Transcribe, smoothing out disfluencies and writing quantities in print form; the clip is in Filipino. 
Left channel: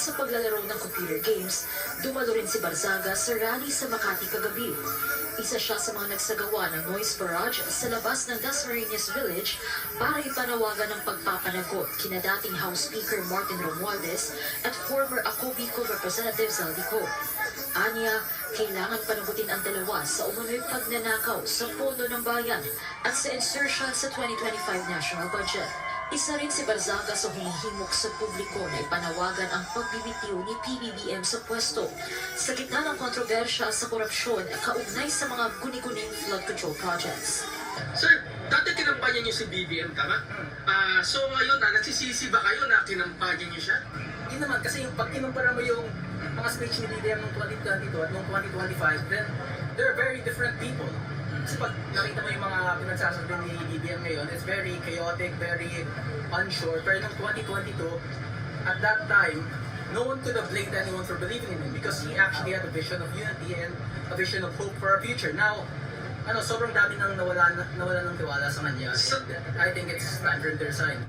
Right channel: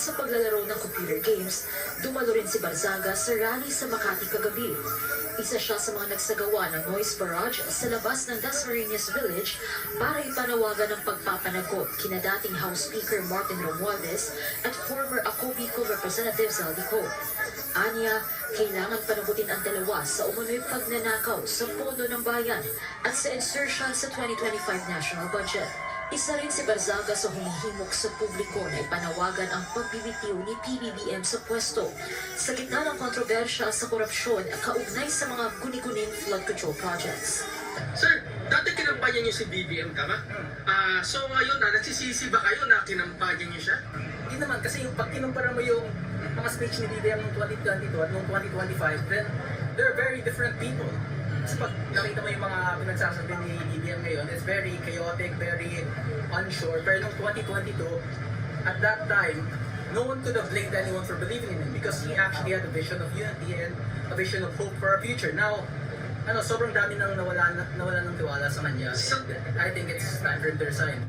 sa paglalaro ng computer games, dumalo rin si Barzaga sa rally sa Makati kagabi. Isa siya sa mga nagsagawa ng noise barrage sa labas ng Dasmariñas Village para ipanawagan ng pagpapanagot kina dating House Speaker Martin Romualdez at former Ako Bicol Representative Zaldico. Anya, kailangan panagutin ang dalawa sa umano'y pagnanakaw sa pondo ng bayan at sa insertion sa 2025 national budget. Isa rin si Barzaga sa humihimok sa publiko na ipanawagan ang pagbibitiw ni PBBM sa pwesto sa gitna ng kontrobersya sa korupsyon kaugnay sa mga guni-guning flood control projects. Sir, dati kinampanya niyo si BBM, tama? So ngayon nagsisisi ba kayo na kinampanya niyo siya? Hindi naman, kasi yung pag kinumpara mo yung mga speech ni BBM noong 2022 at noong 2025, then they're very different people. Kasi pag nakita mo yung mga pinagsasabi ni BBM ngayon, it's very chaotic, very unsure. Pero noong 2022, at that time, no one could have blamed anyone for believing in him because he actually had a vision of unity and a vision of hope for our future. Now, sobrang dami nang nawala ng tiwala sa kanya. I think it's time for him to resign.